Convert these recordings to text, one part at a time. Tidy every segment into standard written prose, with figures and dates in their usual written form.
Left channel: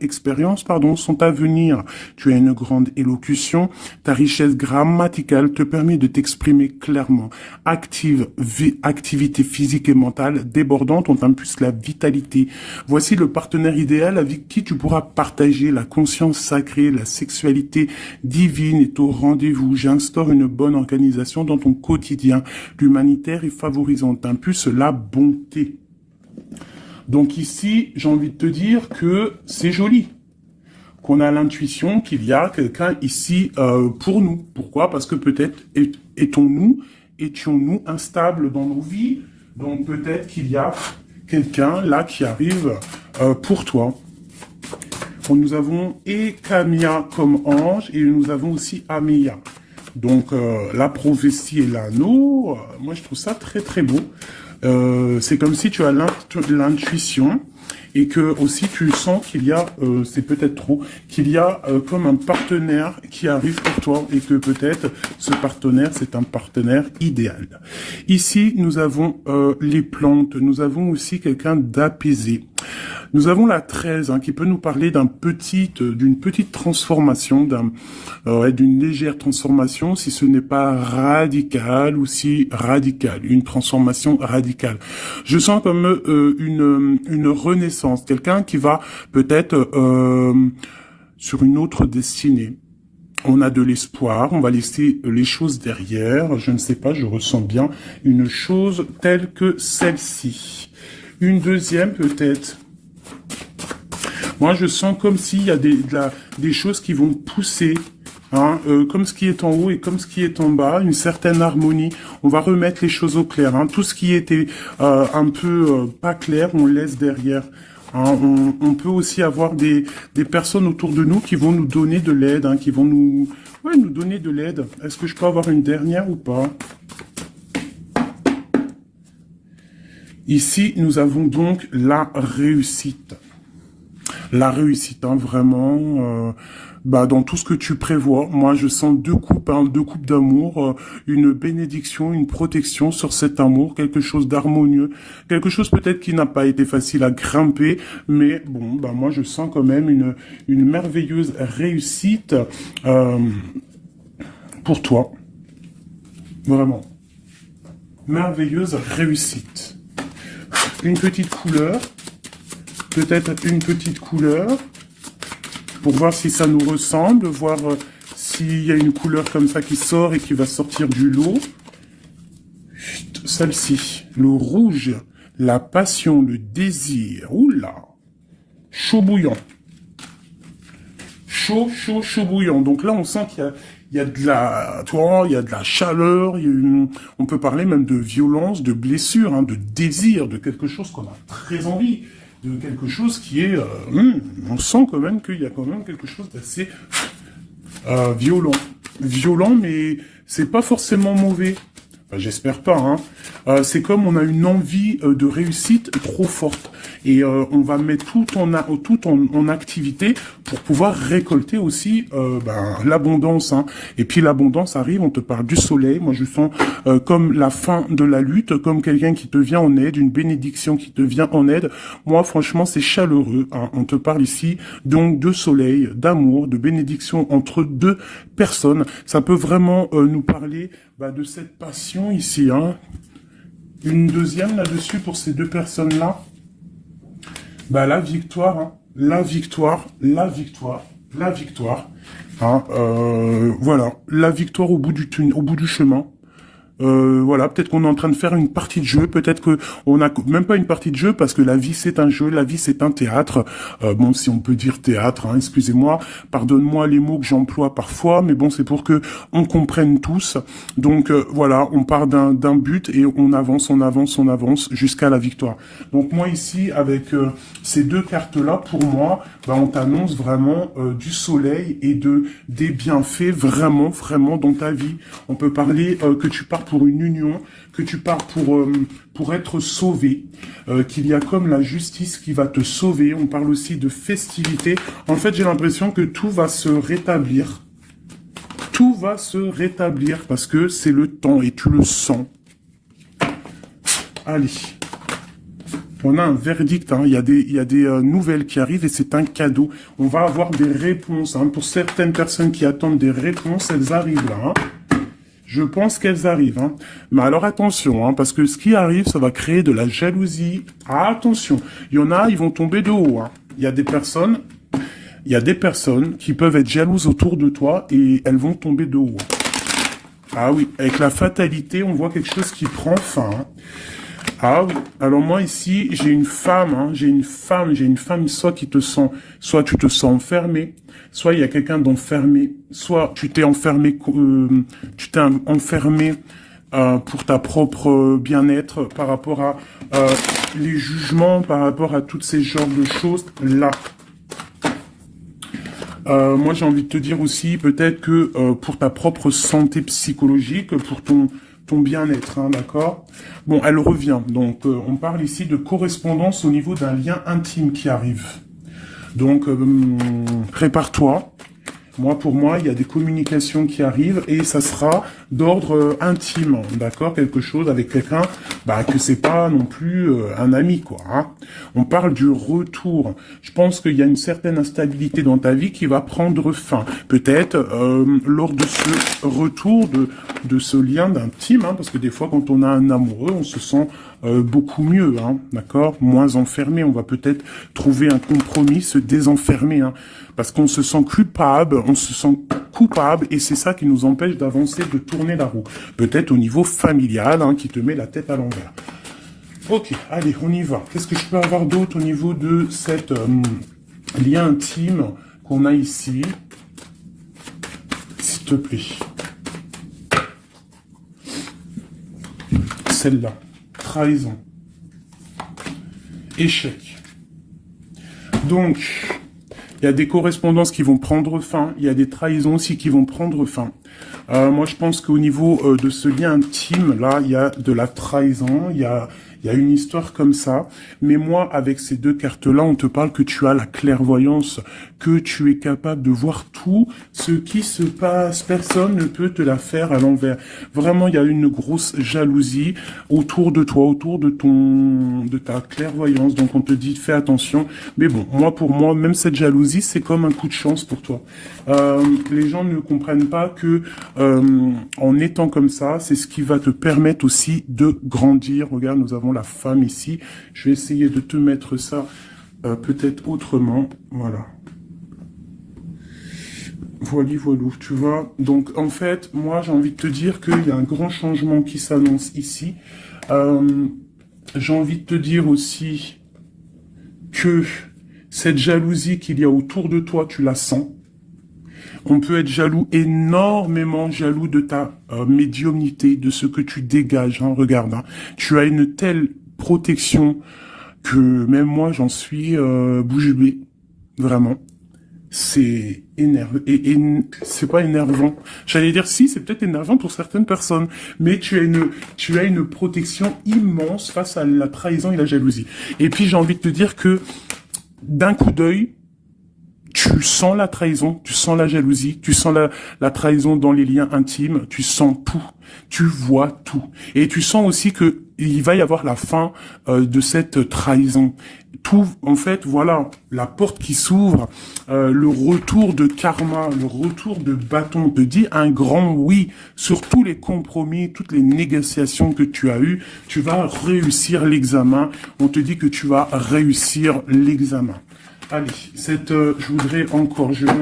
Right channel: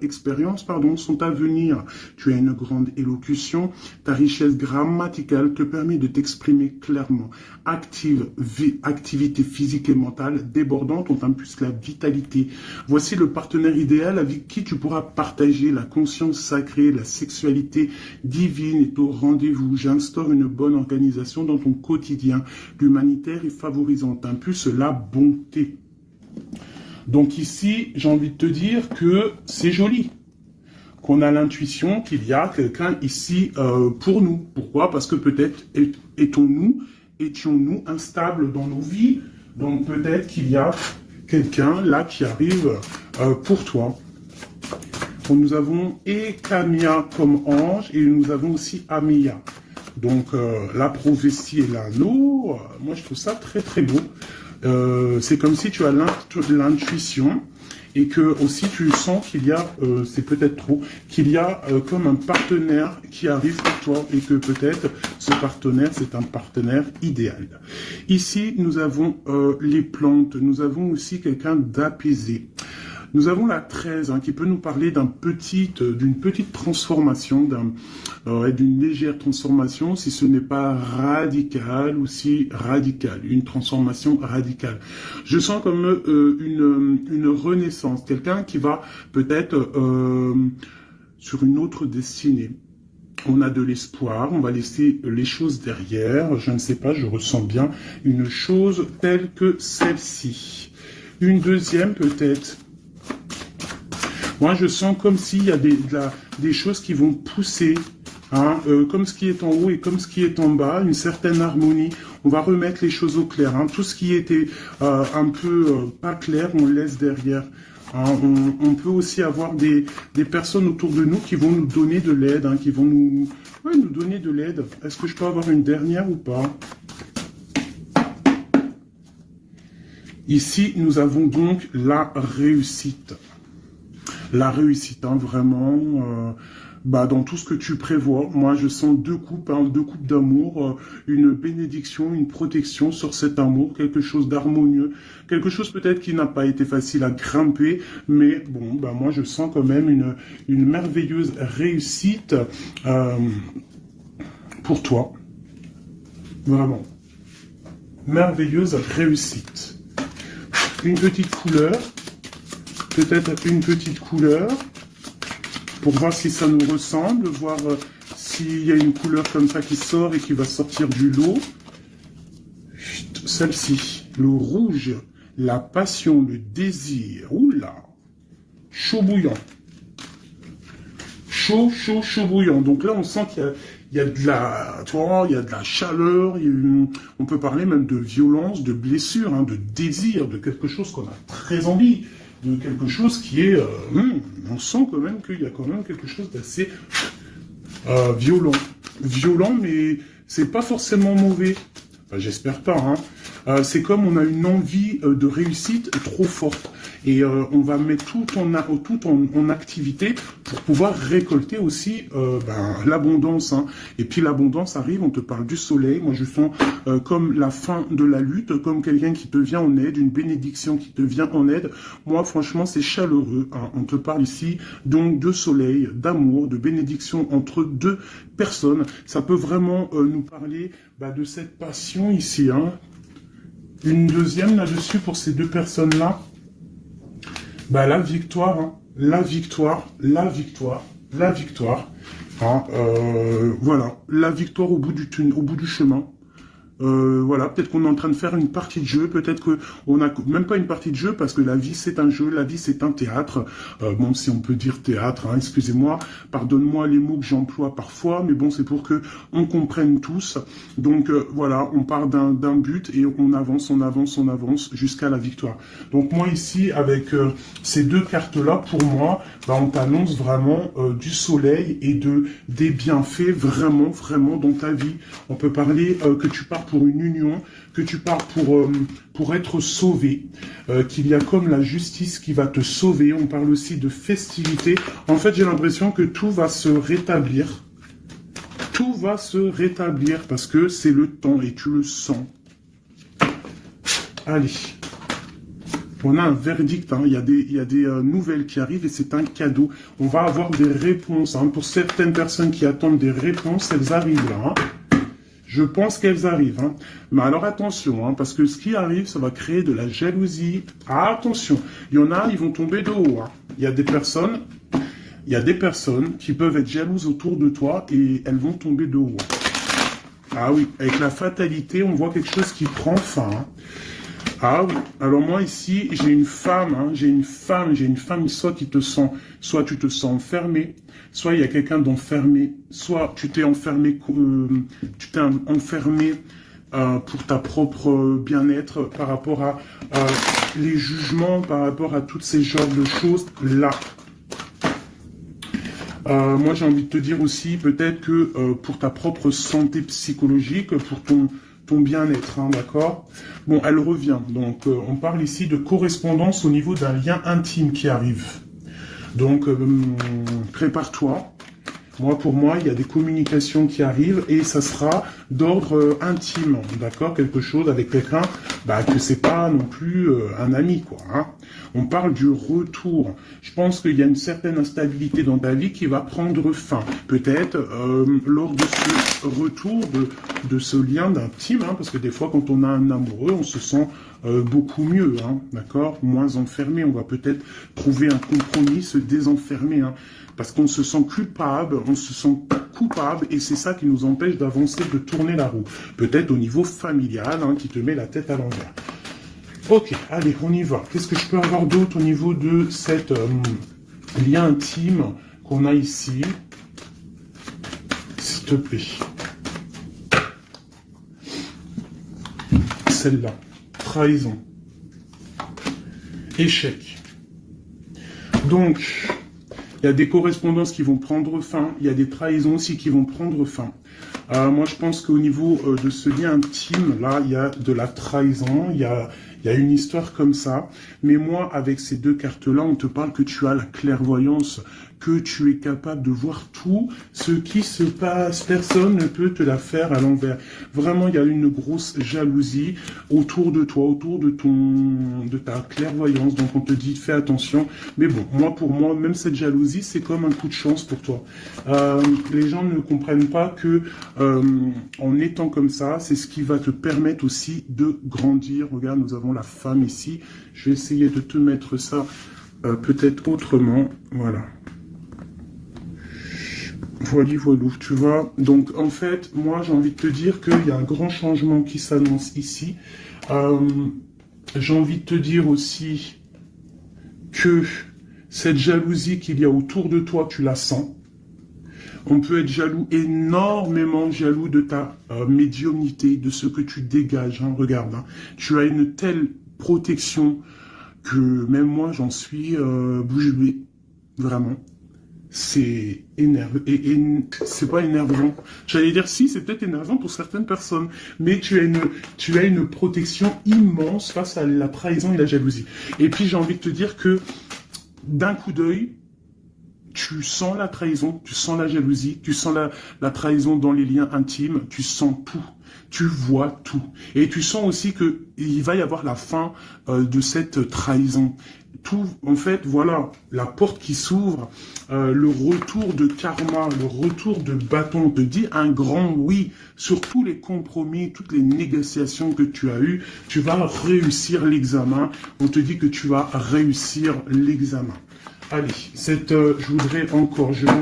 expériences, pardon, sont à venir. Tu as une grande élocution. Ta richesse grammaticale te permet de t'exprimer clairement. Activité physique et mentale débordante, on t'impulse la vitalité. Voici le partenaire idéal avec qui tu pourras partager la conscience sacrée, la sexualité divine est au rendez-vous. J'instaure une bonne organisation dans ton quotidien. L'humanitaire est favorisant, t'impulse la bonté. Donc ici, j'ai envie de te dire que c'est joli, qu'on a l'intuition qu'il y a quelqu'un ici pour nous. Pourquoi? Parce que peut-être étions-nous instables dans nos vies, donc peut-être qu'il y a quelqu'un là qui arrive pour toi. Bon, nous avons Ekamia comme ange et nous avons aussi Ameya. Donc la prophétie et l'anneau, moi je trouve ça très très beau. C'est comme si tu as l'intuition et que aussi tu sens qu'il y a, c'est peut-être trop, qu'il y a comme un partenaire qui arrive par toi et que peut-être ce partenaire c'est un partenaire idéal. Ici nous avons les plantes, nous avons aussi quelqu'un d'apaisé. Nous avons la 13 qui peut nous parler d'une petite transformation, d'une légère transformation, si ce n'est pas radical ou si radical, une transformation radicale. Je sens comme une renaissance, quelqu'un qui va peut-être sur une autre destinée. On a de l'espoir, on va laisser les choses derrière, je ne sais pas, je ressens bien une chose telle que celle-ci. Une deuxième peut-être. Moi, je sens comme s'il y a des choses qui vont pousser, comme ce qui est en haut et comme ce qui est en bas, une certaine harmonie. On va remettre les choses au clair. Tout ce qui était un peu pas clair, on le laisse derrière. On peut aussi avoir des personnes autour de nous qui vont nous donner de l'aide, qui vont nous donner de l'aide. Est-ce que je peux avoir une dernière ou pas? Ici, nous avons donc la réussite. La réussite, vraiment, dans tout ce que tu prévois. Moi, je sens deux coupes d'amour, une bénédiction, une protection sur cet amour, quelque chose d'harmonieux, quelque chose peut-être qui n'a pas été facile à grimper, mais bon, moi, je sens quand même une merveilleuse réussite pour toi. Vraiment. Merveilleuse réussite. Une petite couleur, peut-être une petite couleur, pour voir si ça nous ressemble, voir s'il y a une couleur comme ça qui sort et qui va sortir du lot. Celle-ci, le rouge, la passion, le désir, oula, chaud bouillant. Chaud bouillant. Donc là, on sent qu'il y a de la, il y a de la chaleur, on peut parler même de violence, de blessure, de désir, de quelque chose qu'on a très envie, de quelque chose qui est, on sent quand même qu'il y a quand même quelque chose d'assez violent. Violent, mais c'est pas forcément mauvais. Enfin, j'espère pas. C'est comme on a une envie de réussite trop forte. Et on va mettre tout en activité pour pouvoir récolter aussi l'abondance. Et puis l'abondance arrive, on te parle du soleil. Moi, je sens comme la fin de la lutte, comme quelqu'un qui te vient en aide, une bénédiction qui te vient en aide. Moi, franchement, c'est chaleureux. On te parle ici donc de soleil, d'amour, de bénédiction entre deux personnes. Ça peut vraiment nous parler de cette passion ici. Une deuxième là-dessus pour ces deux personnes-là. La victoire, la victoire, la victoire, la victoire. Voilà, la victoire au bout du chemin. Voilà, peut-être qu'on est en train de faire une partie de jeu, peut-être que on n'a même pas une partie de jeu parce que la vie c'est un jeu, la vie c'est un théâtre. Bon, si on peut dire théâtre, excusez-moi, pardonne-moi les mots que j'emploie parfois, mais bon, c'est pour que on comprenne tous. Donc voilà, on part d'un but et on avance jusqu'à la victoire. Donc moi ici, avec ces deux cartes-là, pour moi, on t'annonce vraiment du soleil et des bienfaits vraiment dans ta vie. On peut parler que tu pars pour une union, que tu pars pour être sauvé, qu'il y a comme la justice qui va te sauver. On parle aussi de festivité. En fait, j'ai l'impression que tout va se rétablir. Tout va se rétablir parce que c'est le temps et tu le sens. Allez. On a un verdict, hein. Il y a des nouvelles qui arrivent et c'est un cadeau. On va avoir des réponses. Hein. Pour certaines personnes qui attendent des réponses, elles arrivent là. Hein. Je pense qu'elles arrivent. Hein. Mais alors attention, hein, parce que ce qui arrive, ça va créer de la jalousie. Ah, attention, il y en a, ils vont tomber de haut. Hein. Il y a des personnes qui peuvent être jalouses autour de toi et elles vont tomber de haut. Ah oui, avec la fatalité, on voit quelque chose qui prend fin. Hein. Ah oui, alors moi ici, j'ai une femme, hein, j'ai une femme, soit tu te sens enfermé, soit il y a quelqu'un d'enfermé, soit tu t'es enfermé, pour ta propre bien-être par rapport à les jugements, par rapport à toutes ces genres de choses là. Moi, j'ai envie de te dire aussi, peut-être que pour ta propre santé psychologique, pour ton bien-être, hein, d'accord? Bon, elle revient. Donc, on parle ici de correspondance au niveau d'un lien intime qui arrive. Donc, prépare-toi. Pour moi, il y a des communications qui arrivent et ça sera d'ordre intime, d'accord? Quelque chose avec quelqu'un, que c'est pas non plus un ami, quoi. Hein. On parle du retour. Je pense qu'il y a une certaine instabilité dans ta vie qui va prendre fin. Peut-être lors de ce retour de ce lien d'intime, hein, parce que des fois, quand on a un amoureux, on se sent beaucoup mieux, hein, d'accord? Moins enfermé. On va peut-être trouver un compromis, se désenfermer, hein, parce qu'on se sent coupable, et c'est ça qui nous empêche d'avancer, de tourner la roue. Peut-être au niveau familial, hein, qui te met la tête à l'envers. Ok, allez, on y va. Qu'est-ce que je peux avoir d'autre au niveau de cette lien intime qu'on a ici? S'il te plaît. Celle-là. Trahison. Échec. Donc, il y a des correspondances qui vont prendre fin. Il y a des trahisons aussi qui vont prendre fin. Moi, je pense qu'au niveau de ce lien intime, là, il y a de la trahison. Il y a une histoire comme ça. Mais moi, avec ces deux cartes-là, on te parle que tu as la clairvoyance, que tu es capable de voir tout ce qui se passe. Personne ne peut te la faire à l'envers. Vraiment, il y a une grosse jalousie autour de toi, autour de ta clairvoyance. Donc, on te dit, fais attention. Mais bon, pour moi, même cette jalousie, c'est comme un coup de chance pour toi. Les gens ne comprennent pas que en étant comme ça, c'est ce qui va te permettre aussi de grandir. Regarde, nous avons la femme ici. Je vais essayer de te mettre ça peut-être autrement. Voilà. Voilà, tu vois. Donc, en fait, moi, j'ai envie de te dire qu'il y a un grand changement qui s'annonce ici. J'ai envie de te dire aussi que cette jalousie qu'il y a autour de toi, tu la sens. On peut être jaloux, énormément jaloux de ta médiumnité, de ce que tu dégages. Hein, regarde, hein. Tu as une telle protection que même moi, j'en suis bouche bée. Vraiment. C'est énervant. Et c'est pas énervant. J'allais dire si, c'est peut-être énervant pour certaines personnes. Mais tu as une protection immense face à la trahison et la jalousie. Et puis, j'ai envie de te dire que d'un coup d'œil, tu sens la trahison, tu sens la jalousie, tu sens la trahison dans les liens intimes, tu sens tout, tu vois tout. Et tu sens aussi que il va y avoir la fin de cette trahison. Tout, en fait, voilà, la porte qui s'ouvre, le retour de karma, le retour de bâton, on te dit un grand oui sur tous les compromis, toutes les négociations que tu as eues. Tu vas réussir l'examen. On te dit que tu vas réussir l'examen. Allez, je vais en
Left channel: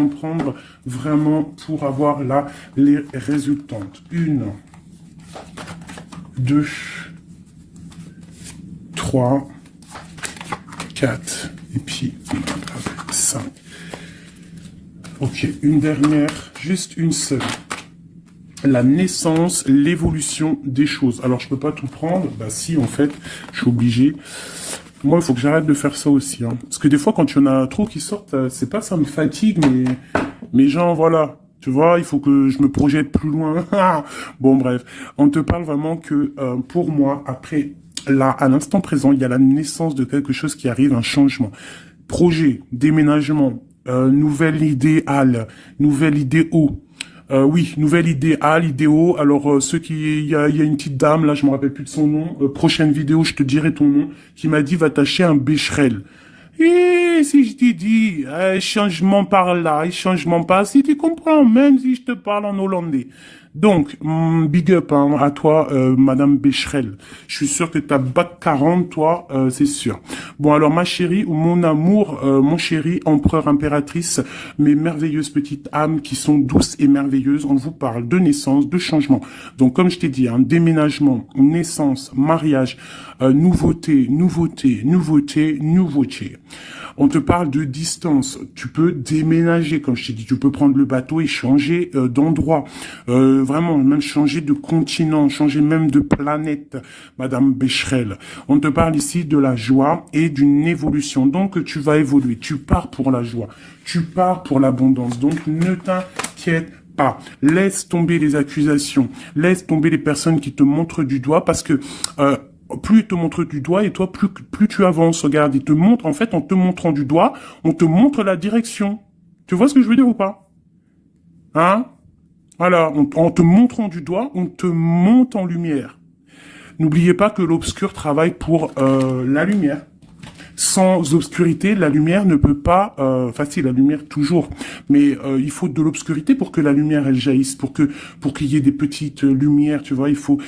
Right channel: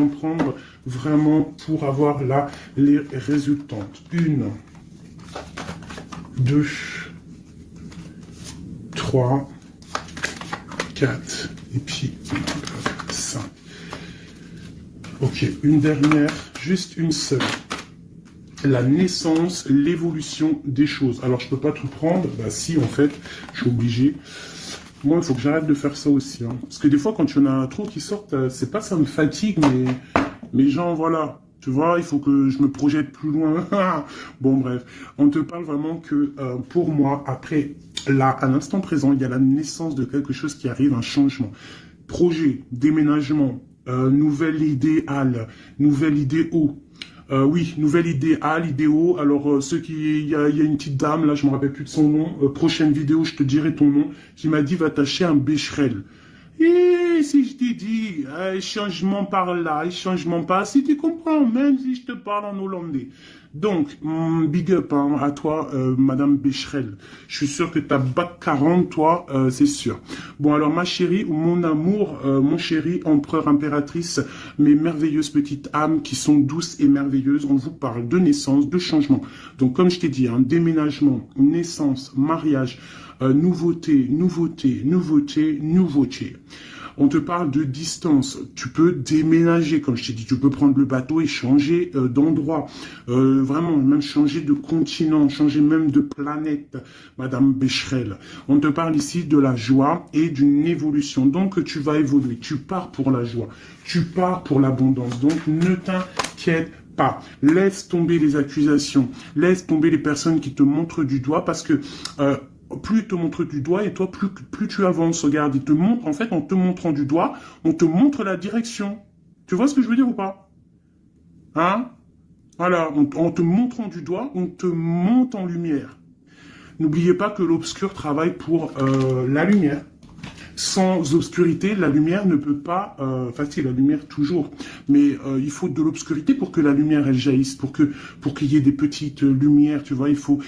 prendre vraiment pour avoir là les résultantes. 1, 2, 3, 4, et puis 5. Ok, une dernière, juste une seule. La naissance, l'évolution des choses. Alors, je peux pas tout prendre. Bah si, en fait, je suis obligé. Moi, il faut que j'arrête de faire ça aussi. Hein. Parce que des fois, quand il y en a trop qui sortent, c'est pas ça me fatigue, mais genre, voilà. Tu vois, il faut que je me projette plus loin. Bon, bref. On te parle vraiment que, pour moi, après, là, à l'instant présent, il y a la naissance de quelque chose qui arrive, un changement. Projet, déménagement, nouvelle idéale, nouvelle idée haut. Oui, nouvelle idéal, idéo. Alors, il y a une petite dame, là, je me rappelle plus de son nom. Prochaine vidéo, je te dirai ton nom, qui m'a dit, va t'acheter un Becherel. Et si je t'ai dit, changement par là, changement par si tu comprends, même si je te parle en hollandais. Donc, big up hein, à toi, Madame Becherel. Je suis sûr que t'as bac 40, toi, c'est sûr. Bon, alors, ma chérie, mon amour, mon chéri, empereur, impératrice, mes merveilleuses petites âmes qui sont douces et merveilleuses, on vous parle de naissance, de changement. Donc, comme je t'ai dit, hein, déménagement, naissance, mariage, nouveauté, nouveauté, nouveauté, nouveauté. On te parle de distance. Tu peux déménager, comme je t'ai dit. Tu peux prendre le bateau et changer d'endroit. Vraiment, même changer de continent, changer même de planète, Madame Becherel. On te parle ici de la joie et d'une évolution. Donc, tu vas évoluer. Tu pars pour la joie. Tu pars pour l'abondance. Donc, ne t'inquiète pas. Laisse tomber les accusations. Laisse tomber les personnes qui te montrent du doigt parce que... plus ils te montrent du doigt et toi, plus tu avances. Regarde, ils te montrent, en fait, en te montrant du doigt, on te montre la direction. Tu vois ce que je veux dire ou pas? Hein? Voilà, en te montrant du doigt, on te monte en lumière. N'oubliez pas que l'obscur travaille pour la lumière. Sans obscurité, la lumière ne peut pas... Enfin, si, la lumière toujours. Mais il faut de l'obscurité pour que la lumière, elle jaillisse. Pour qu'il y ait des petites lumières, tu vois, il faut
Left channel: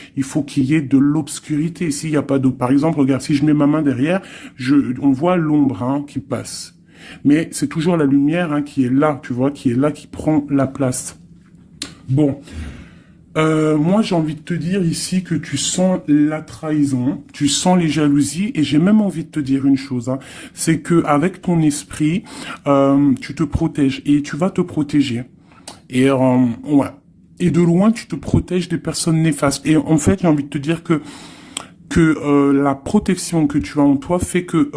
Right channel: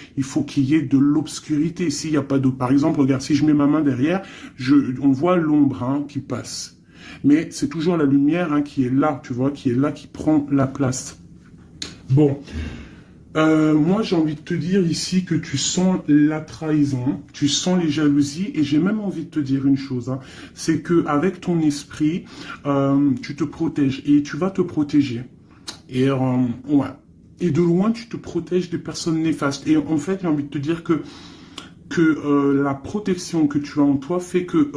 qu'il y ait de l'obscurité. S'il n'y a pas d'eau... Par exemple, regarde, si je mets ma main derrière, on voit l'ombre hein, qui passe. Mais c'est toujours la lumière hein, qui est là, tu vois, qui est là, qui prend la place. Bon... moi, j'ai envie de te dire ici que tu sens la trahison, tu sens les jalousies, et j'ai même envie de te dire une chose, hein, c'est que avec ton esprit, tu te protèges et tu vas te protéger. Et ouais. Et de loin, tu te protèges des personnes néfastes. Et en fait, j'ai envie de te dire que la protection que tu as en toi fait que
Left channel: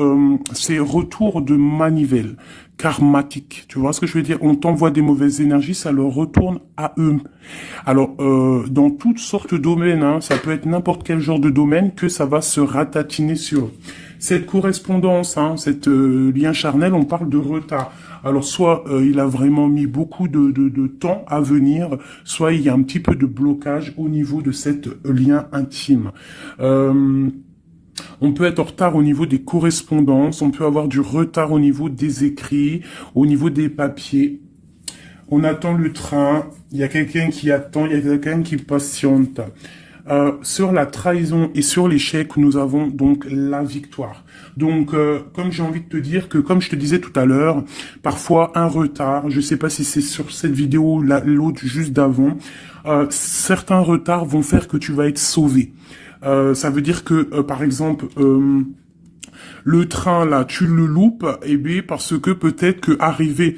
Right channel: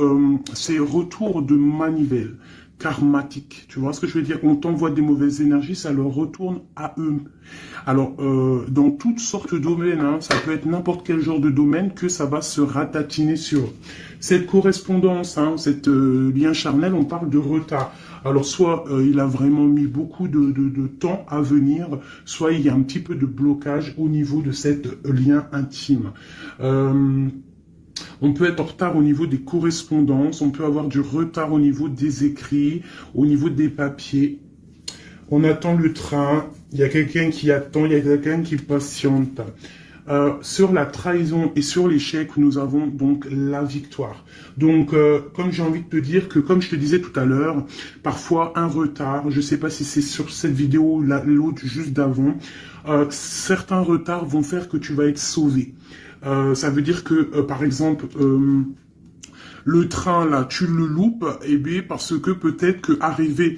c'est retour de manivelle karmatique. Tu vois ce que je veux dire? On t'envoie des mauvaises énergies, ça leur retourne à eux. Alors, dans toutes sortes de domaines, hein, ça peut être n'importe quel genre de domaine que ça va se ratatiner sur. Cette correspondance, hein, cette lien charnel, on parle de retard. Alors, soit il a vraiment mis beaucoup de temps à venir, soit il y a un petit peu de blocage au niveau de cette lien intime. On peut être en retard au niveau des correspondances, on peut avoir du retard au niveau des écrits, au niveau des papiers. On attend le train, il y a quelqu'un qui attend, il y a quelqu'un qui patiente. Sur la trahison et sur l'échec, nous avons donc la victoire. Donc, comme j'ai envie de te dire que, comme je te disais tout à l'heure, parfois un retard, je ne sais pas si c'est sur cette vidéo, l'autre juste d'avant, certains retards vont faire que tu vas être sauvé. Ça veut dire que, par exemple, le train, là, tu le loupes, et bien, parce que peut-être que arrivé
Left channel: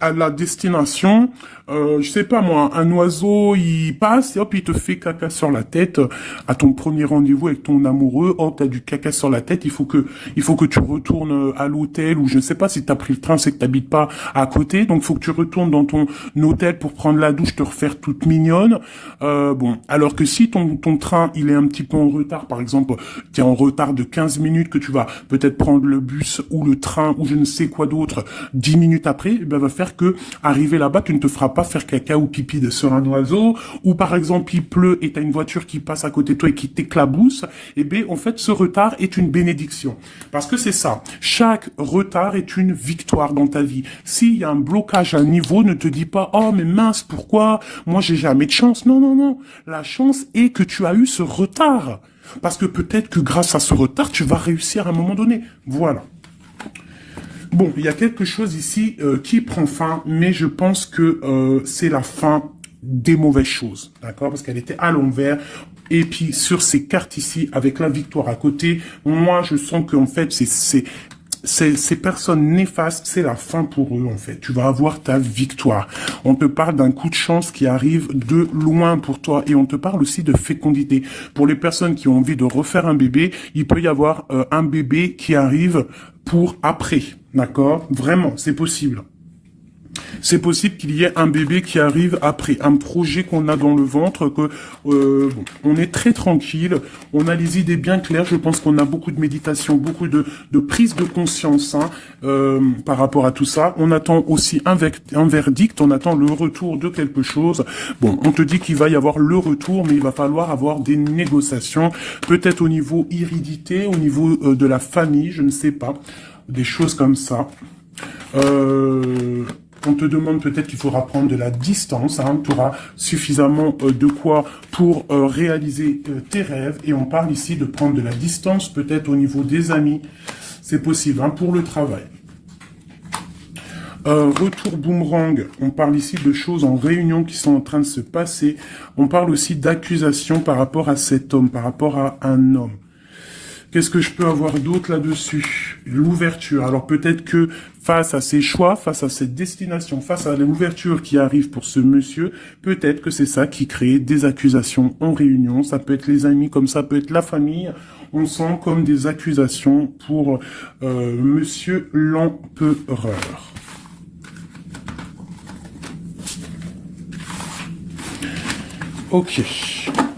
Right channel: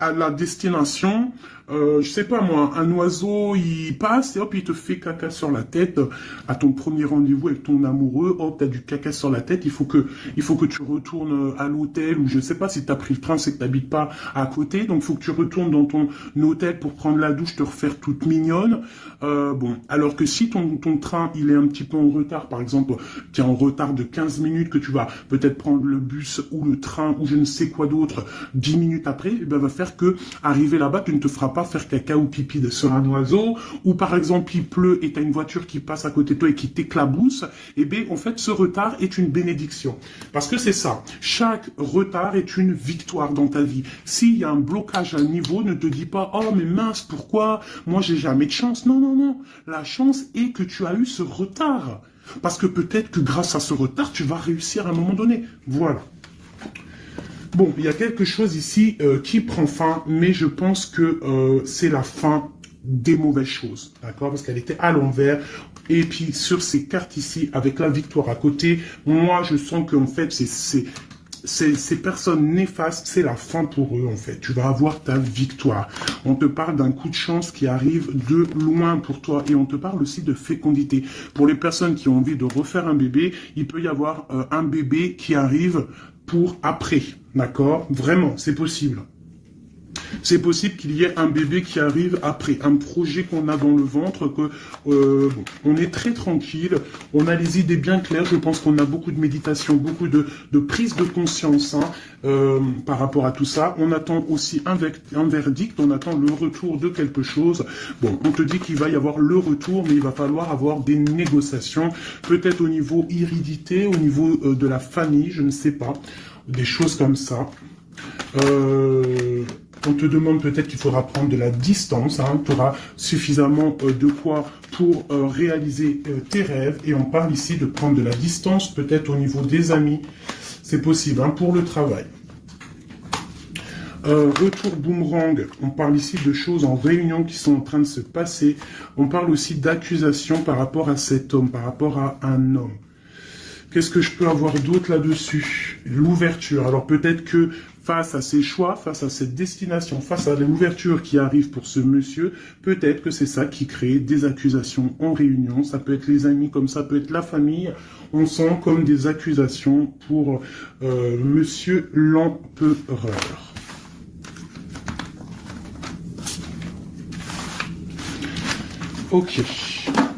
à la destination, je sais pas moi, un oiseau, il passe, et hop, il te fait caca sur la tête, à ton premier rendez-vous avec ton amoureux, hop, t'as du caca sur la tête, il faut que tu retournes à l'hôtel, ou je sais pas, si t'as pris le train, c'est que t'habites pas à côté, donc faut que tu retournes dans ton hôtel pour prendre la douche, te refaire toute mignonne, bon, alors que si ton train, il est un petit peu en retard, par exemple, t'es en retard de 15 minutes, que tu vas peut-être prendre le bus, ou le train, ou je ne sais quoi d'autre, 10 minutes après, eh ben, va faire que, arriver là-bas, tu ne te feras pas faire caca ou pipi sur un oiseau, ou par exemple il pleut et t'as une voiture qui passe à côté de toi et qui t'éclabousse, et bien en fait ce retard est une bénédiction. Parce que c'est ça, chaque retard est une victoire dans ta vie. S'il y a un blocage à un niveau, ne te dis pas, oh mais mince, pourquoi? Moi j'ai jamais de chance. Non, non, non. La chance est que tu as eu ce retard. Parce que peut-être que grâce à ce retard, tu vas réussir à un moment donné. Voilà. Bon, il y a quelque chose ici qui prend fin, mais je pense que c'est la fin des mauvaises choses, d'accord? Parce qu'elle était à l'envers. Et puis, sur ces cartes ici, avec la victoire à côté, moi, je sens qu'en fait, ces personnes néfastes, c'est la fin pour eux, en fait. Tu vas avoir ta victoire. On te parle d'un coup de chance qui arrive de loin pour toi. Et on te parle aussi de fécondité. Pour les personnes qui ont envie de refaire un bébé, il peut y avoir un bébé qui arrive pour après. D'accord? Vraiment, c'est possible. C'est possible qu'il y ait un bébé qui arrive après, un projet qu'on a dans le ventre, que bon, on est très tranquille, on a les idées bien claires, je pense qu'on a beaucoup de méditation, beaucoup de prise de conscience hein, par rapport à tout ça. On attend aussi un verdict, on attend le retour de quelque chose. Bon, on te dit qu'il va y avoir le retour, mais il va falloir avoir des négociations, peut-être au niveau hérédité, au niveau de la famille, je ne sais pas, des choses comme ça. On te demande peut-être qu'il faudra prendre de la distance, hein, tu auras suffisamment de quoi pour réaliser tes rêves. Et on parle ici de prendre de la distance, peut-être au niveau des amis. C'est possible, hein, pour le travail. Retour boomerang, on parle ici de choses en réunion qui sont en train de se passer. On parle aussi d'accusations par rapport à cet homme, par rapport à un homme. Qu'est-ce que je peux avoir d'autre là-dessus? L'ouverture. Alors peut-être que face à ses choix, face à cette destination, face à l'ouverture qui arrive pour ce monsieur, peut-être que c'est ça qui crée des accusations en réunion. Ça peut être les amis, comme ça peut être la famille. On sent comme des accusations pour monsieur l'empereur. Ok.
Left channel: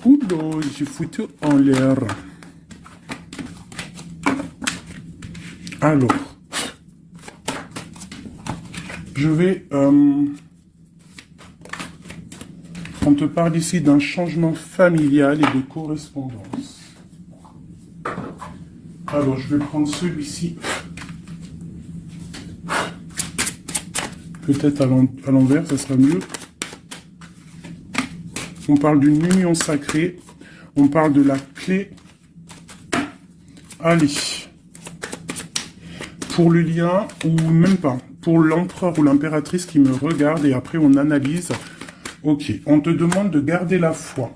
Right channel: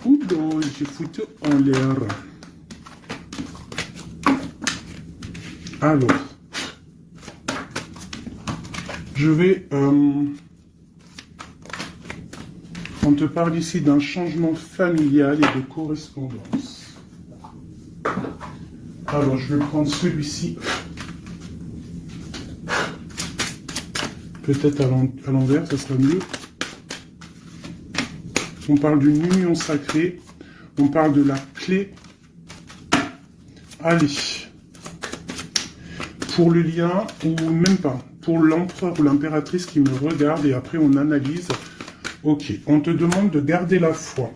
Oula, j'ai foutu en l'air. Alors, je vais... on te parle ici d'un changement familial et de correspondance. Alors, je vais prendre celui-ci. Peut-être à l'envers, ce sera mieux. On parle d'une union sacrée. On parle de la clé. Allez. Pour le lien, ou même pas, pour l'empereur ou l'impératrice qui me regarde, et après on analyse. Ok, on te demande de garder la foi.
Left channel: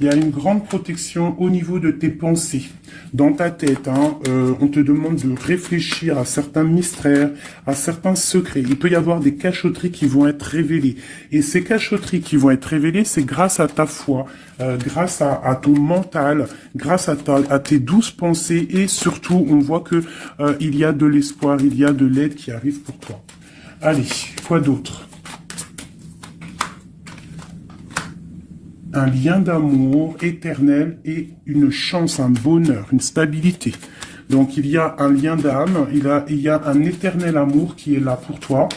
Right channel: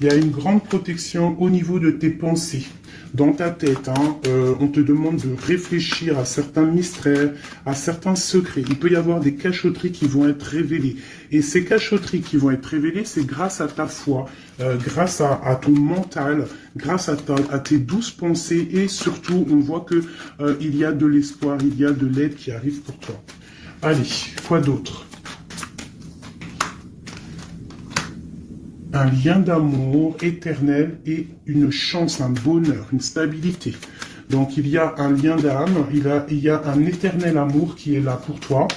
Il y a une grande protection au niveau de tes pensées, dans ta tête. Hein, on te demande de réfléchir à certains mystères, à certains secrets. Il peut y avoir des cachotteries qui vont être révélées. Et ces cachotteries qui vont être révélées, c'est grâce à ta foi, grâce à ton mental, grâce à tes douces pensées. Et surtout, on voit que il y a de l'espoir, il y a de l'aide qui arrive pour toi. Allez, quoi d'autre? Un lien d'amour éternel et une chance, un bonheur, une stabilité. Donc il y a un lien d'âme, il y a un éternel amour qui est là pour toi.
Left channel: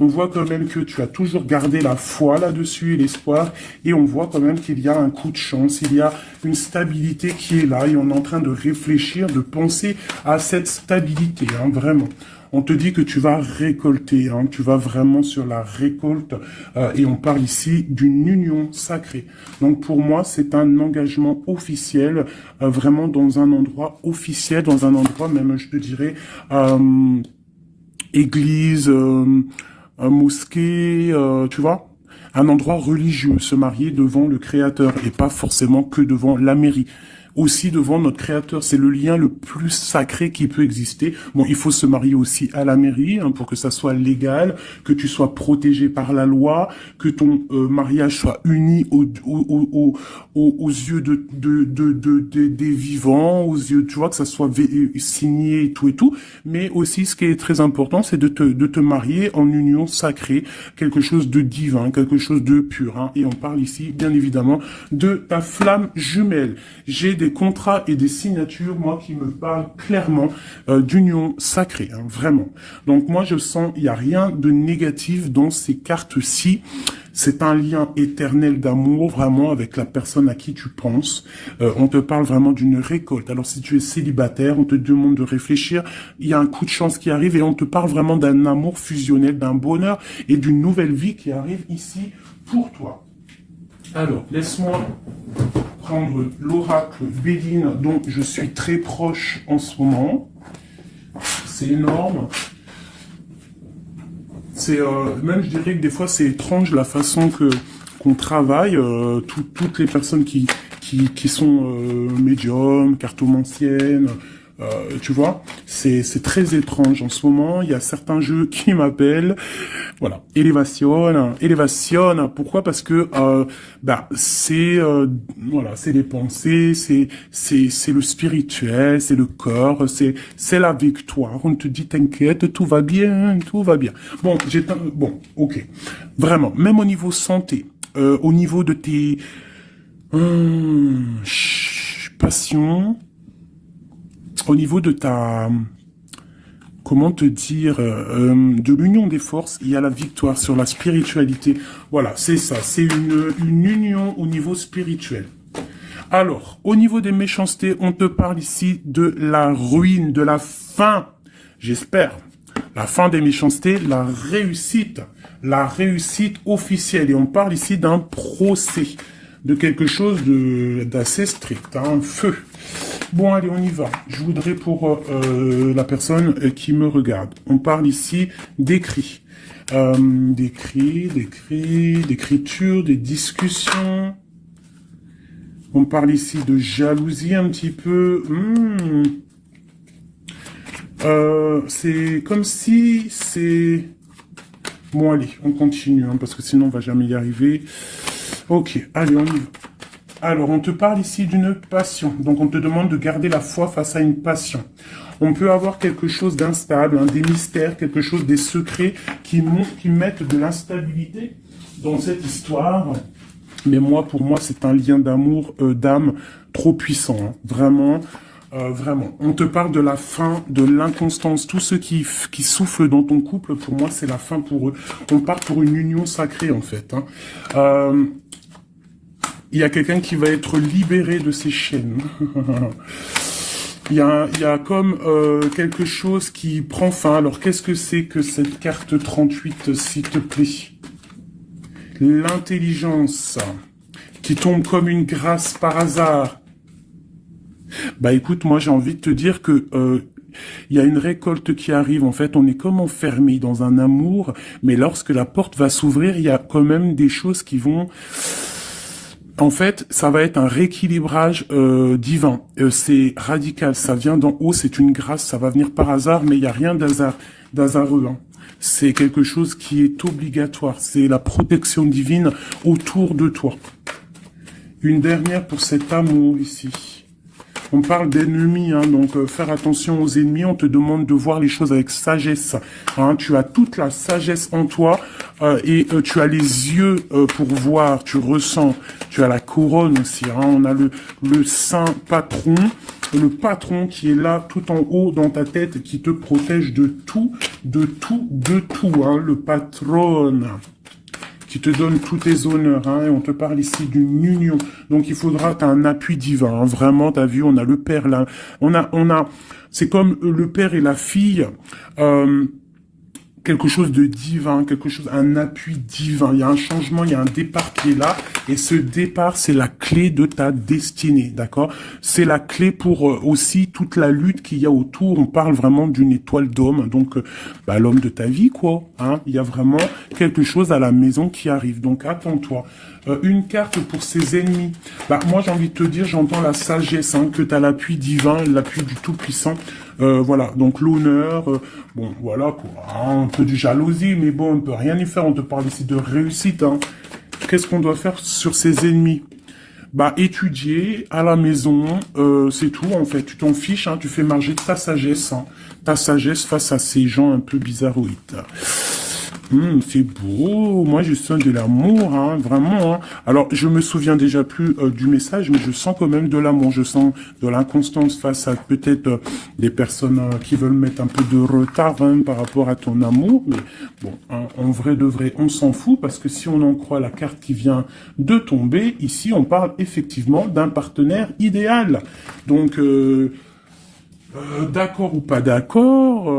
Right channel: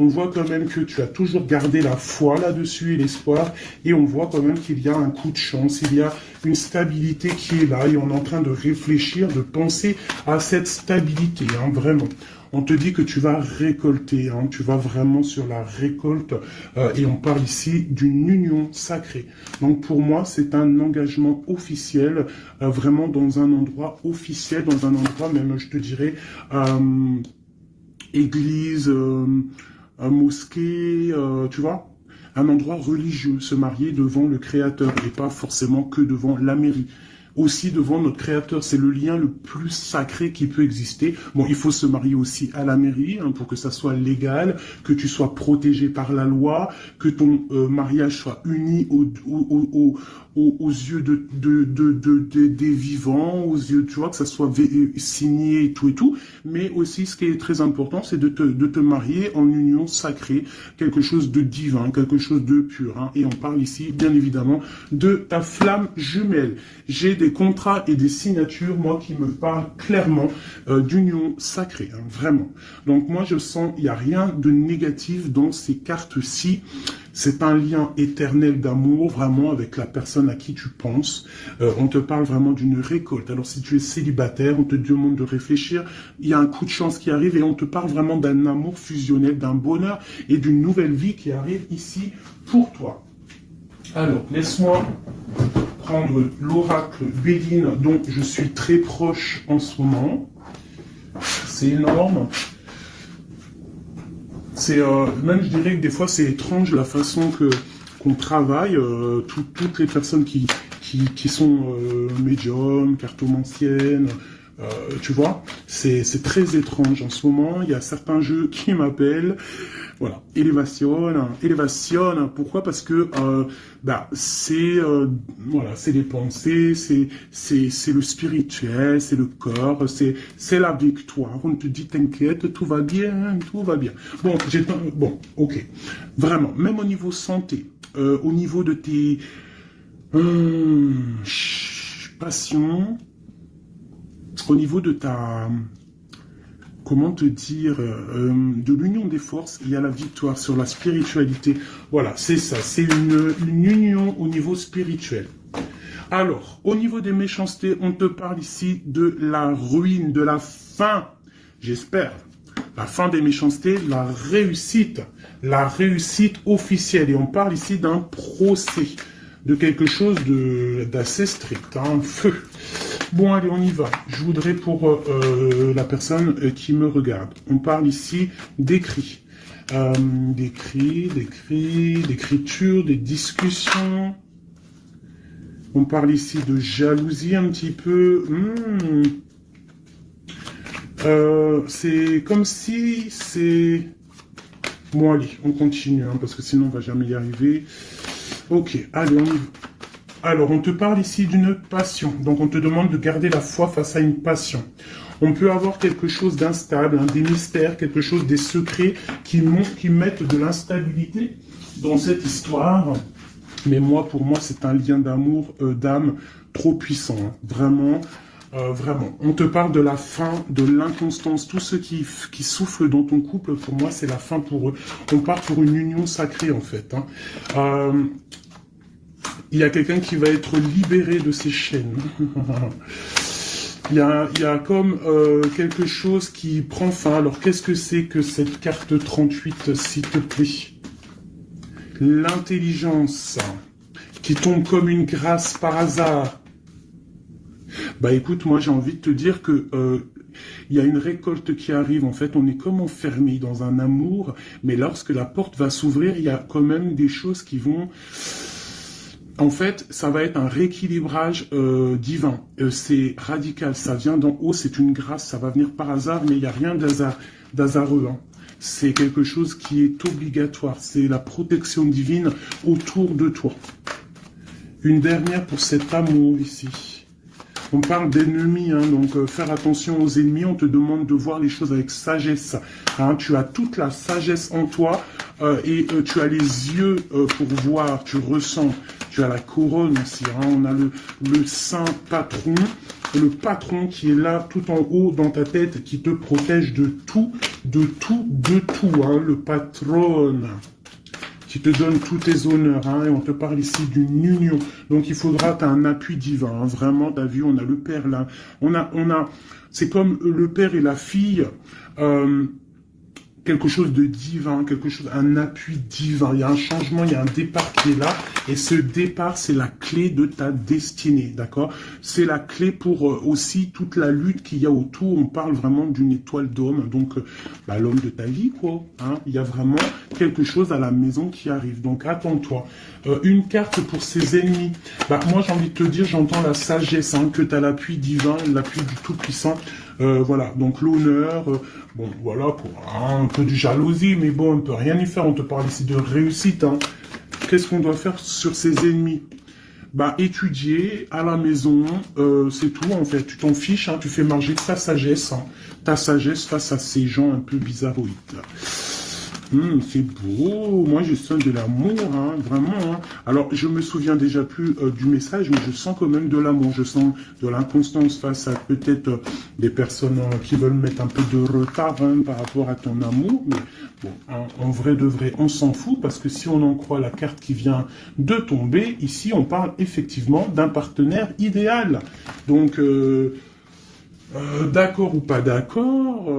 On voit quand même que tu as toujours gardé la foi là-dessus et l'espoir. Et on voit quand même qu'il y a un coup de chance, il y a une stabilité qui est là. Et on est en train de réfléchir, de penser à cette stabilité, hein, vraiment. On te dit que tu vas récolter, hein, tu vas vraiment sur la récolte, et on parle ici d'une union sacrée. Donc pour moi, c'est un engagement officiel, vraiment dans un endroit officiel, dans un endroit même, je te dirais, église, mosquée, tu vois, un endroit religieux, se marier devant le Créateur et pas forcément que devant la mairie. Aussi devant notre Créateur, c'est le lien le plus sacré qui peut exister. Bon, il faut se marier aussi à la mairie, hein, pour que ça soit légal, que tu sois protégé par la loi, que ton mariage soit uni aux yeux des vivants, aux yeux, tu vois, que ça soit signé et tout. Mais aussi, ce qui est très important, c'est de te marier en union sacrée, quelque chose de divin, quelque chose de pur. Hein. Et on parle ici, bien évidemment, de ta flamme jumelle. J'ai des contrats et des signatures, moi, qui me parlent clairement d'union sacrée, hein, vraiment. Donc moi, je sens, il n'y a rien de négatif dans ces cartes-ci. C'est un lien éternel d'amour, vraiment, avec la personne à qui tu penses. On te parle vraiment d'une récolte. Alors, si tu es célibataire, on te demande de réfléchir. Il y a un coup de chance qui arrive et on te parle vraiment d'un amour fusionnel, d'un bonheur et d'une nouvelle vie qui arrive ici pour toi. Alors, laisse-moi prendre l'oracle Béline dont je suis très proche en ce moment. C'est énorme. C'est même, je dirais que des fois, c'est étrange la façon qu'on travaille. Toutes les personnes qui sont médiums, cartomanciennes, tu vois, c'est très étrange en ce moment. Il y a certains jeux qui m'appellent. Voilà, élévation. Pourquoi? Parce que c'est voilà, c'est les pensées, c'est le spirituel, c'est le corps, c'est la victoire. On te dit t'inquiète, tout va bien, tout va bien. Bon, bon, ok, vraiment, même au niveau santé, au niveau de tes passions, au niveau de ta comment te dire, de l'union des forces, il y a la victoire sur la spiritualité. Voilà, c'est ça, c'est une union au niveau spirituel. Alors, au niveau des méchancetés, on te parle ici de la ruine, de la fin, j'espère. La fin des méchancetés, la réussite officielle. Et on parle ici d'un procès, de quelque chose d'assez strict, un feu. Bon, allez, on y va. Je voudrais pour la personne qui me regarde. On parle ici d'écrits. D'écriture, des discussions. On parle ici de jalousie un petit peu. C'est comme si c'est... Bon, allez, on continue, hein, parce que sinon on va jamais y arriver. Ok, allez, on y va. Alors, on te parle ici d'une passion. Donc, on te demande de garder la foi face à une passion. On peut avoir quelque chose d'instable, des mystères, quelque chose, des secrets qui mettent de l'instabilité dans cette histoire. Mais pour moi, c'est un lien d'amour, d'âme trop puissant. Hein. Vraiment, vraiment. On te parle de la fin, de l'inconstance. Tous ceux qui soufflent dans ton couple, pour moi, c'est la fin pour eux. On part pour une union sacrée, en fait. Hein. Il y a quelqu'un qui va être libéré de ses chaînes. Il y a comme quelque chose qui prend fin. Alors, qu'est-ce que c'est que cette carte 38, s'il te plaît? L'intelligence qui tombe comme une grâce par hasard. Bah écoute, moi j'ai envie de te dire que il y a une récolte qui arrive. En fait, on est comme enfermé dans un amour, mais lorsque la porte va s'ouvrir, il y a quand même des choses qui vont... En fait, ça va être un rééquilibrage divin. C'est radical, ça vient d'en haut, c'est une grâce, ça va venir par hasard, mais il n'y a rien d'hasardeux. Hein. C'est quelque chose qui est obligatoire. C'est la protection divine autour de toi. Une dernière pour cet amour ici. On parle d'ennemis, hein, donc faire attention aux ennemis. On te demande de voir les choses avec sagesse. Hein, tu as toute la sagesse en toi et tu as les yeux pour voir, tu ressens. Tu as la couronne aussi. Hein, on a le saint patron, le patron qui est là tout en haut dans ta tête, qui te protège de tout, hein, le patron. Qui te donne tous tes honneurs, hein, et on te parle ici d'une union. Donc il faudra, t'as un appui divin, hein, vraiment, t'as vu, on a le père là, c'est comme le père et la fille, quelque chose de divin, un appui divin. Il y a un changement, il y a un départ qui est là. Et ce départ, c'est la clé de ta destinée, d'accord? C'est la clé pour aussi toute la lutte qu'il y a autour. On parle vraiment d'une étoile d'homme. Donc, l'homme de ta vie, quoi. Hein? Il y a vraiment quelque chose à la maison qui arrive. Donc, attends-toi. Une carte pour ses ennemis. Moi, j'ai envie de te dire, j'entends la sagesse, hein, que tu as l'appui divin, l'appui du Tout-Puissant. Voilà, donc l'honneur, bon, voilà, un peu de jalousie, mais bon, on peut rien y faire, on te parle ici de réussite, hein. Qu'est-ce qu'on doit faire sur ses ennemis? Étudier à la maison, c'est tout, en fait, tu t'en fiches, hein, tu fais marcher ta sagesse face à ces gens un peu bizarroïdes. C'est beau, moi je sens de l'amour, hein, vraiment. Hein. Alors je me souviens déjà plus du message, mais je sens quand même de l'amour, je sens de l'inconstance face à peut-être des personnes qui veulent mettre un peu de retard hein, par rapport à ton amour. Mais bon, hein, en vrai de vrai, on s'en fout parce que si on en croit la carte qui vient de tomber, ici on parle effectivement d'un partenaire idéal. Donc... d'accord ou pas d'accord,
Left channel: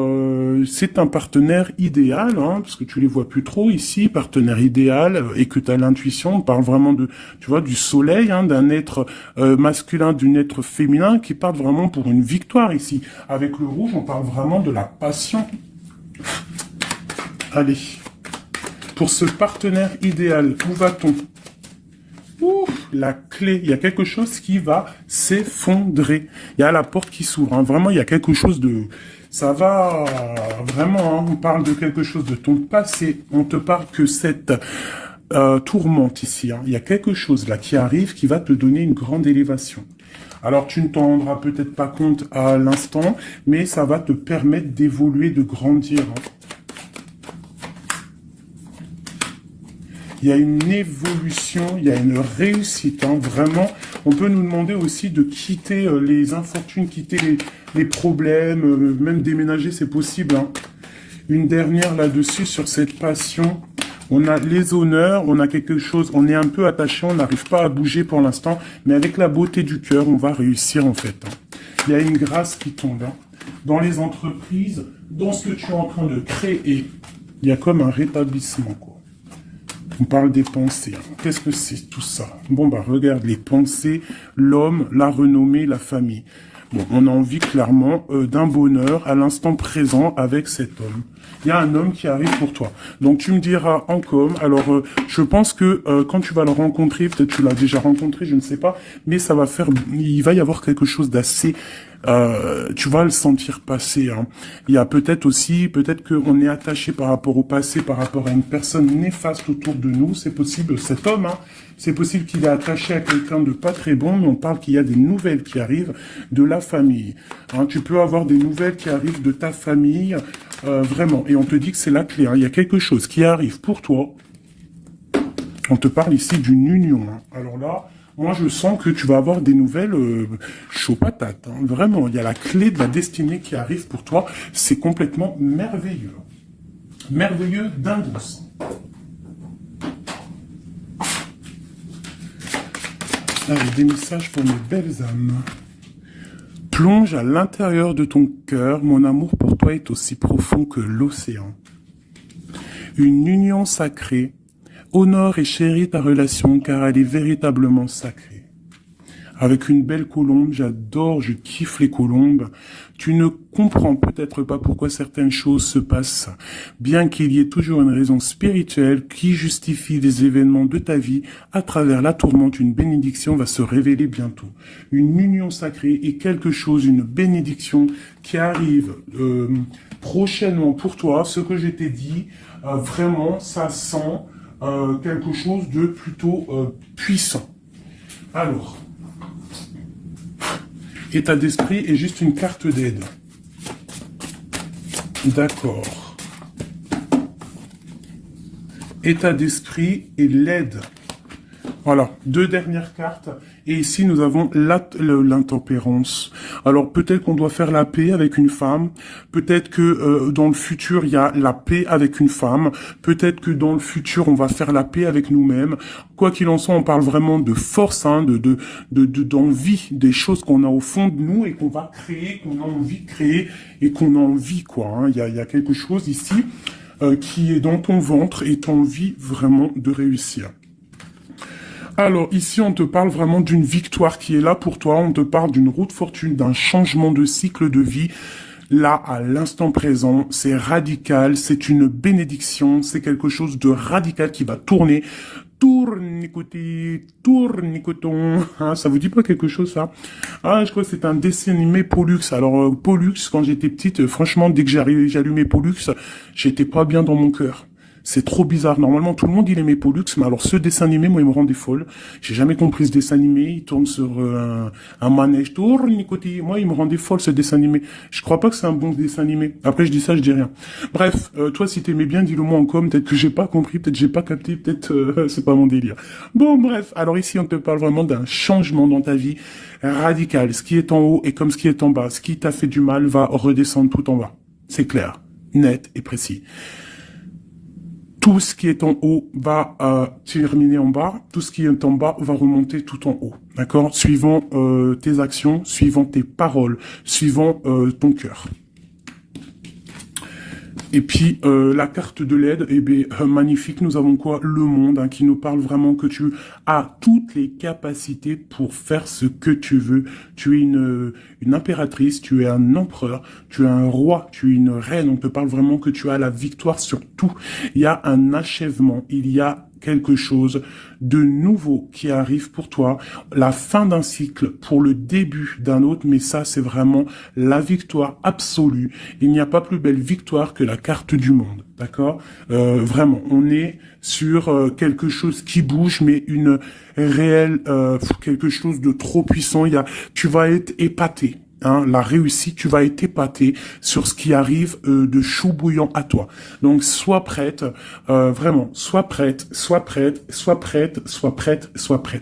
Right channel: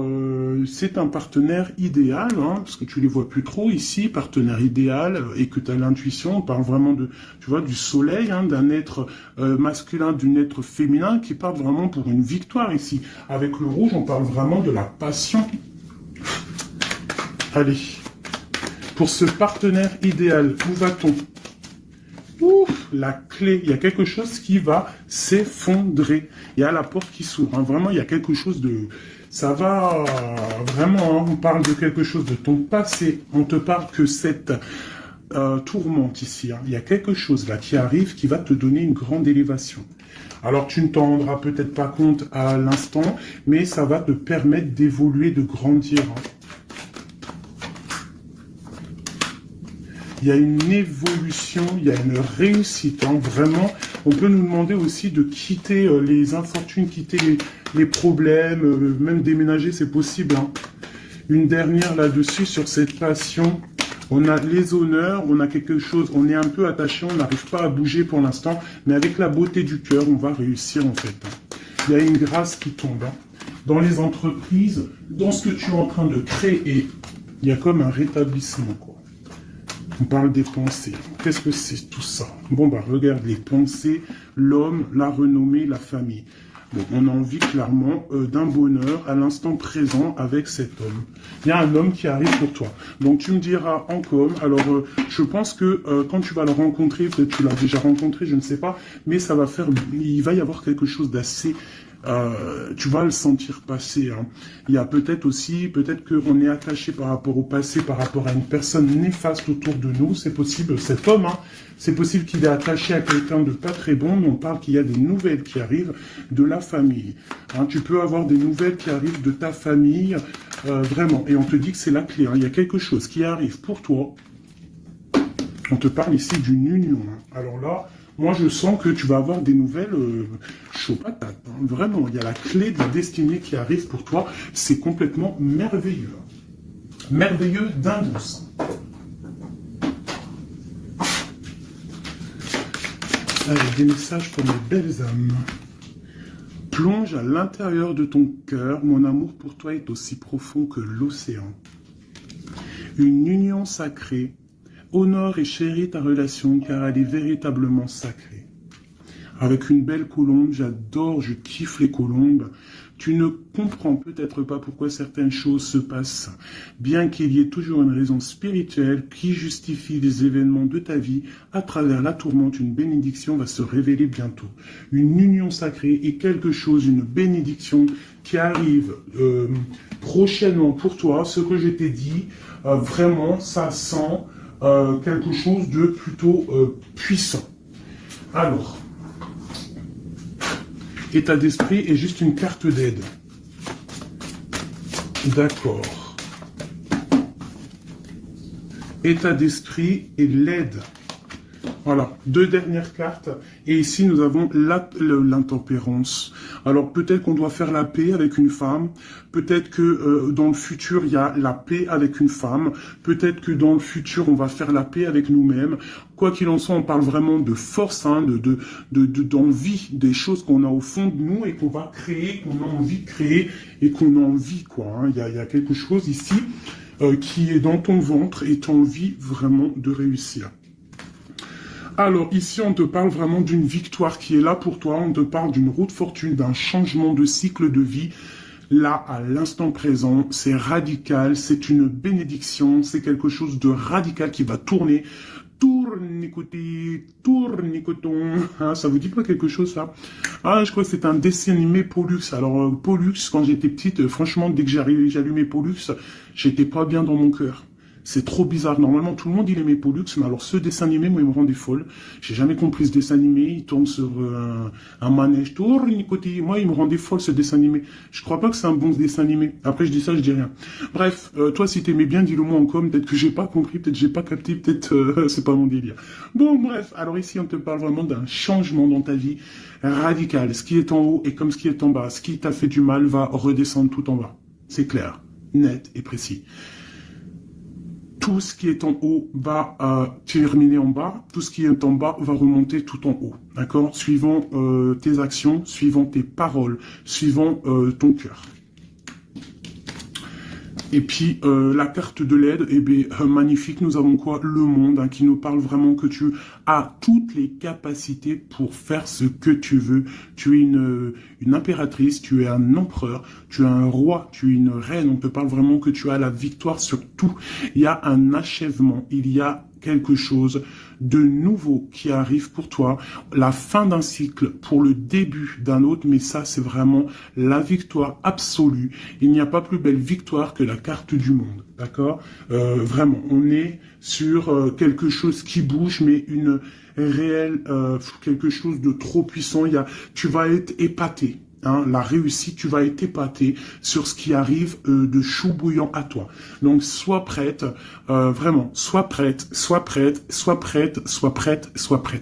c'est un partenaire idéal, hein, parce que tu les vois plus trop ici, partenaire idéal, et que tu as l'intuition, on parle vraiment de, tu vois, du soleil, hein, d'un être masculin, d'un être féminin, qui parle vraiment pour une victoire ici. Avec le rouge, on parle vraiment de la passion. Allez, pour ce partenaire idéal, où va-t-on ? La clé, il y a quelque chose qui va s'effondrer. Il y a la porte qui s'ouvre. Hein. Vraiment, il y a quelque chose de... Ça va vraiment, hein, on parle de quelque chose de ton passé. On te parle que cette tourmente ici, hein, il y a quelque chose là qui arrive qui va te donner une grande élévation. Alors tu ne t'en rendras peut-être pas compte à l'instant, mais ça va te permettre d'évoluer, de grandir. Hein. Il y a une évolution, il y a une réussite. Hein. Vraiment, on peut nous demander aussi de quitter les infortunes, quitter les problèmes, même déménager, c'est possible. Hein. Une dernière là-dessus sur cette passion. On a les honneurs, on a quelque chose, on est un peu attaché, on n'arrive pas à bouger pour l'instant, mais avec la beauté du cœur, on va réussir en fait. Hein. Il y a une grâce qui tombe. Hein. Dans les entreprises, dans ce que tu es en train de créer, il y a comme un rétablissement, quoi. On parle des pensées. Qu'est-ce que c'est tout ça? Bon, bah regarde, les pensées, l'homme, la renommée, la famille. Bon, on a envie clairement d'un bonheur à l'instant présent avec cet homme. Il y a un homme qui arrive pour toi. Donc tu me diras en com. Alors je pense que quand tu vas le rencontrer, peut-être tu l'as déjà rencontré, je ne sais pas, mais ça va faire, il va y avoir quelque chose d'assez tu vas le sentir passer. Hein. Il y a peut-être aussi, peut-être qu'on est attaché par rapport au passé, par rapport à une personne néfaste autour de nous. C'est possible, cet homme, hein, c'est possible qu'il est attaché à quelqu'un de pas très bon, mais on parle qu'il y a des nouvelles qui arrivent de la famille. Hein, tu peux avoir des nouvelles qui arrivent de ta famille, vraiment. Et on te dit que c'est la clé. Hein. Il y a quelque chose qui arrive pour toi. On te parle ici d'une union. Hein. Alors là, moi, je sens que tu vas avoir des nouvelles chaud patate. Hein. Vraiment, il y a la clé de la destinée qui arrive pour toi. C'est complètement merveilleux. Merveilleux d'indouce. J'ai des messages pour mes belles âmes. Plonge à l'intérieur de ton cœur. Mon amour pour toi est aussi profond que l'océan. Une union sacrée. Honore et chéris ta relation car elle est véritablement sacrée. Avec une belle colombe, j'adore, je kiffe les colombes. Tu ne comprends peut-être pas pourquoi certaines choses se passent, bien qu'il y ait toujours une raison spirituelle qui justifie les événements de ta vie. À travers la tourmente, une bénédiction va se révéler bientôt. Une union sacrée et quelque chose, une bénédiction qui arrive prochainement pour toi. Ce que je t'ai dit, vraiment, ça sent quelque chose de plutôt puissant. Alors, état d'esprit est juste une carte d'aide. D'accord. État d'esprit et l'aide. Voilà, deux dernières cartes. Et ici, nous avons l'intempérance. Alors, peut-être qu'on doit faire la paix avec une femme. Peut-être que dans le futur, il y a la paix avec une femme. Peut-être que dans le futur, on va faire la paix avec nous-mêmes. Quoi qu'il en soit, on parle vraiment de force, hein, d'envie, des choses qu'on a au fond de nous et qu'on va créer, qu'on a envie de créer et qu'on a envie, quoi. Hein. Il y a quelque chose ici qui est dans ton ventre et tu as envie vraiment de réussir. Alors, ici, on te parle vraiment d'une victoire qui est là pour toi. On te parle d'une route fortune, d'un changement de cycle de vie. Là, à l'instant présent, c'est radical, c'est une bénédiction, c'est quelque chose de radical qui va tourner. Tournicotis, tournicoton. Hein, ça vous dit pas quelque chose, ça? Ah, je crois que c'est un dessin animé Pollux. Alors, Pollux, quand j'étais petite, franchement, dès que j'allumais Pollux, j'étais pas bien dans mon cœur. C'est trop bizarre. Normalement, tout le monde, il aimait Pollux, mais alors ce dessin animé, moi, il me rendait folle. J'ai jamais compris ce dessin animé. Il tourne sur un manège. Tournicotis. Moi, il me rendait folle, ce dessin animé. Je crois pas que c'est un bon dessin animé. Après, je dis ça, je dis rien. Bref, toi, si t'aimais bien, dis-le moi en com. Peut-être que j'ai pas compris, peut-être que j'ai pas capté, peut-être c'est pas mon délire. Bon, bref. Alors ici, on te parle vraiment d'un changement dans ta vie radical. Ce qui est en haut est comme ce qui est en bas. Ce qui t'a fait du mal va redescendre tout en bas. C'est clair, net et précis. Tout ce qui est en haut va terminer en bas, tout ce qui est en bas va remonter tout en haut, d'accord? Suivant tes actions, suivant tes paroles, suivant ton cœur. Et puis, la carte de l'aide, eh bien, magnifique, nous avons quoi? Le monde, hein, qui nous parle vraiment que tu as toutes les capacités pour faire ce que tu veux. Tu es une impératrice, tu es un empereur, tu es un roi, tu es une reine. On te parle vraiment que tu as la victoire sur tout. Il y a un achèvement, il y a quelque chose de nouveau qui arrive pour toi, la fin d'un cycle pour le début d'un autre, mais ça c'est vraiment la victoire absolue. Il n'y a pas plus belle victoire que la carte du monde, d'accord? Vraiment, on est sur quelque chose qui bouge, mais une réelle, quelque chose de trop puissant. Tu vas être épaté. Hein, la réussite, tu vas être épaté sur ce qui arrive de chaud bouillant à toi. Donc, sois prête, vraiment, sois prête, sois prête, sois prête, sois prête, sois prête.